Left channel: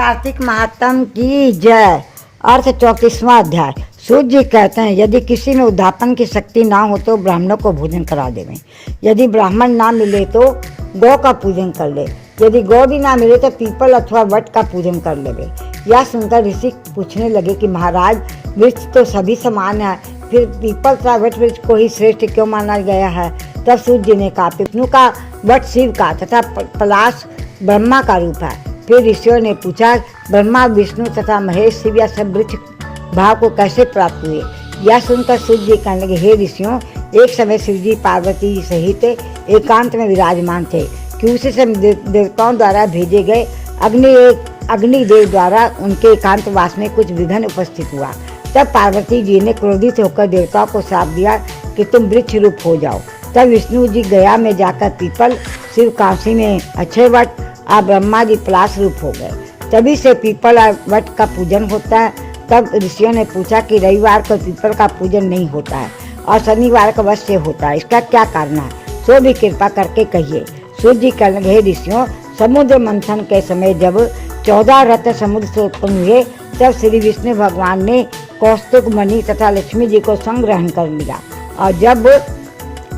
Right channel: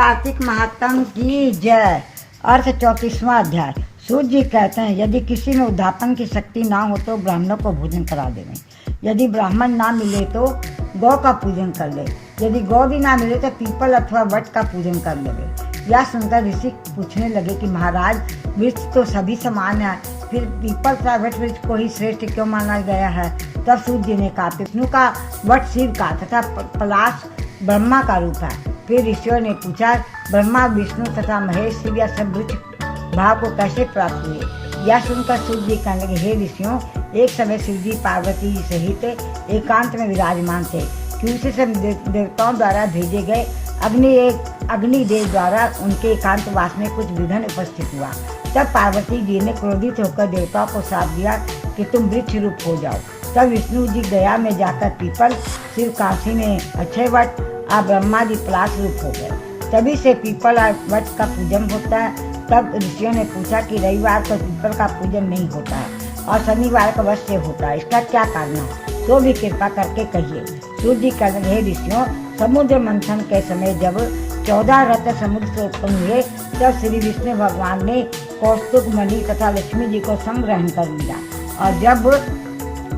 कार्तिक महात्म की जय। अर्थ 34वां अध्याय। सूर्य जी कहते हैं, यदि किसी में उद्धापन की शक्ति ना हो तो ब्राह्मणों को भोजन करा देवे। यदि ब्राह्मण ना मिले तो गौ का पूजन कर ले। यदि गौ भी ना मिले तो पीपल अथवा वट का पूजन कर लेवे। यह सुनकर ऋषि पूछने लगे कि महाराज, वृक्ष तो सभी समान है, फिर पीपल तथा वट वृक्ष को ही श्रेष्ठ क्यों माना गया है? तब सूर्य जी ने कहा, विष्णु का, वट शिव का तथा पलाश ब्रह्मा का रूप है। फिर ऋषियों ने पूछा, ब्रह्मा, विष्णु तथा महेश, शिव या सब वृक्ष भाव को कैसे प्राप्त हुए? यह सुनकर सूर्य जी कहने लगे, हे ऋषियों, एक समय शिव जी पार्वती सहित एकांत में विराजमान थे कि उसी से देवताओं द्वारा भेजे गए अग्निदेव द्वारा उनके एकांतवास में कुछ विघ्न उपस्थित हुआ। तब पार्वती जी ने क्रोधित होकर देवताओं को श्राप दिया कि तुम वृक्ष रूप हो जाओ। तब विष्णु जी गया में जाकर पीपल, शिव काशी में अक्षय वट और ब्रह्मा जी पलाश रूप हो गए। तभी से पीपल और वट का पूजन होता है। तब ऋषियों ने पूछा कि रविवार को पीपल का पूजन नहीं होता है और शनिवार को अवश्य होता है, इसका क्या कारण है? सो भी कृपा करके कहिए। सूर्य जी कहने लगे, ऋषियों, समुद्र मंथन के समय जब 14 रत्न समुद्र से उत्पन्न हुए, तब श्री विष्णु भगवान ने कौस्तुभ मणि तथा लक्ष्मी जी को संग्रहण कर लिया। और जब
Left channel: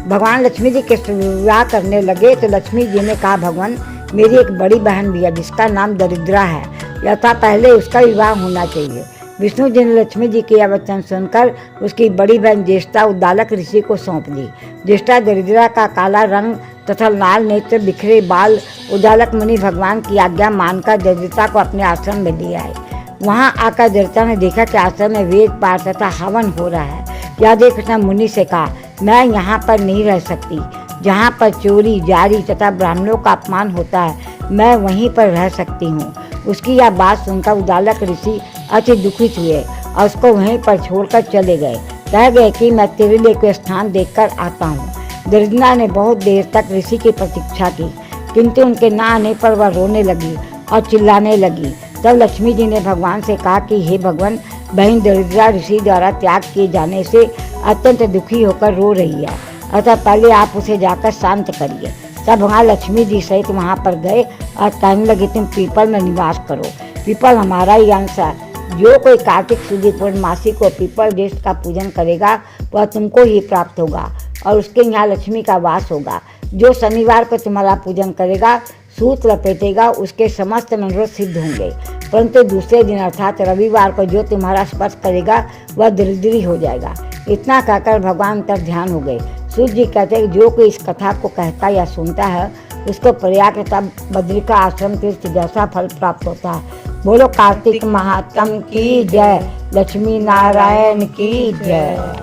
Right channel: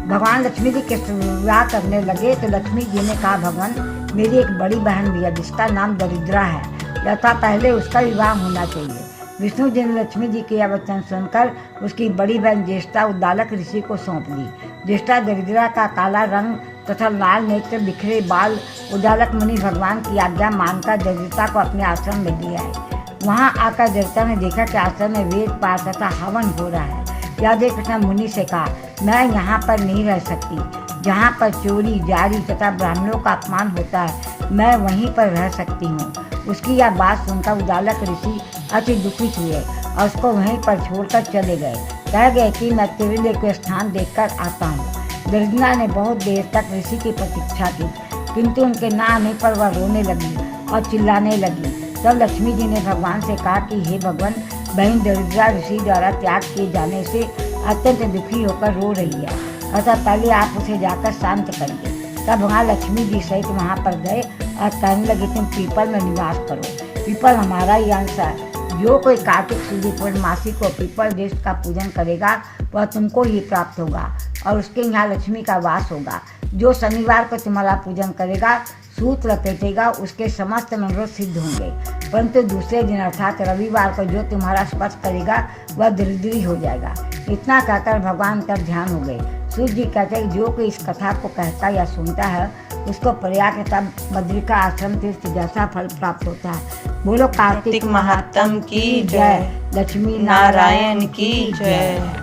भगवान लक्ष्मी जी के विवाह करने लगे तो लक्ष्मी जी ने कहा, भगवान, मेरी एक बड़ी बहन भी है जिसका नाम दरिद्रा है, यथा पहले उसका विवाह होना चाहिए। विष्णु जी ने लक्ष्मी जी के यह वचन सुनकर उसकी बड़ी बहन ज्येष्ठा उद्दालक ऋषि को सौंप दी। ज्येष्ठा दरिद्रा का काला रंग तथा लाल नेत्र, बिखरे बाल उद्दालक मुनि भगवान की आज्ञा मानकर दरिद्रता को अपने आश्रम में ले आए। वहाँ आकर दरिद्रता ने देखा कि आश्रम में वेद पाठ तथा हवन हो रहा है। यह देखकर मुनि से कहा, मैं यहाँ पर नहीं रह सकती, जहाँ पर चोरी जारी तथा ब्राह्मणों का अपमान होता है, मैं वहीं पर रह सकती हूँ। उसकी यह बात सुनकर उद्दालक ऋषि अति दुखित हुए और उसको वहीं पर छोड़कर चले गए। कह गए कि मैं तेरे लिए कोई स्थान देखकर आता हूँ। दरिद्रा ने बहुत देर तक ऋषि की प्रतीक्षा की, किंतु उनके न आने पर वह रोने लगी और चिल्लाने लगी। तब लक्ष्मी जी ने भगवान से कहा कि हे भगवान, बहन दरिद्रा ऋषि द्वारा त्याग किए जाने से अत्यंत दुखी होकर रो रही है, अतः पहले आप उसे जाकर शांत करिए। तब वहाँ लक्ष्मी जी सहित वहाँ पर गए और कहने लगे, तुम पीपल में निवास करो, पीपल हमारा ही अंश है। जो कोई कार्तिक शुद्ध पूर्णमासी को पीपल देश का पूजन करेगा वह तुमको ही प्राप्त होगा और उसके यहाँ लक्ष्मी का वास होगा। जो शनिवार को तुम्हारा पूजन करेगा, सूत लपेटेगा, उसके समस्त मनोरथ सिद्ध होंगे, परंतु दूसरे दिन अर्थात रविवार को जो तुम्हारा स्पर्श करेगा वह दरिद्री हो जाएगा। इतना कहकर भगवान का ध्यान हो गए। सूर्य जी कहते हैं, जो कोई इस कथा को कहता या सुनता है उसको प्रयाग तथा बद्रिका आश्रम तीर्थ जैसा फल प्राप्त होता है। बोलो कार्तिक महात्म की जय, लक्ष्मी नारायण की जय।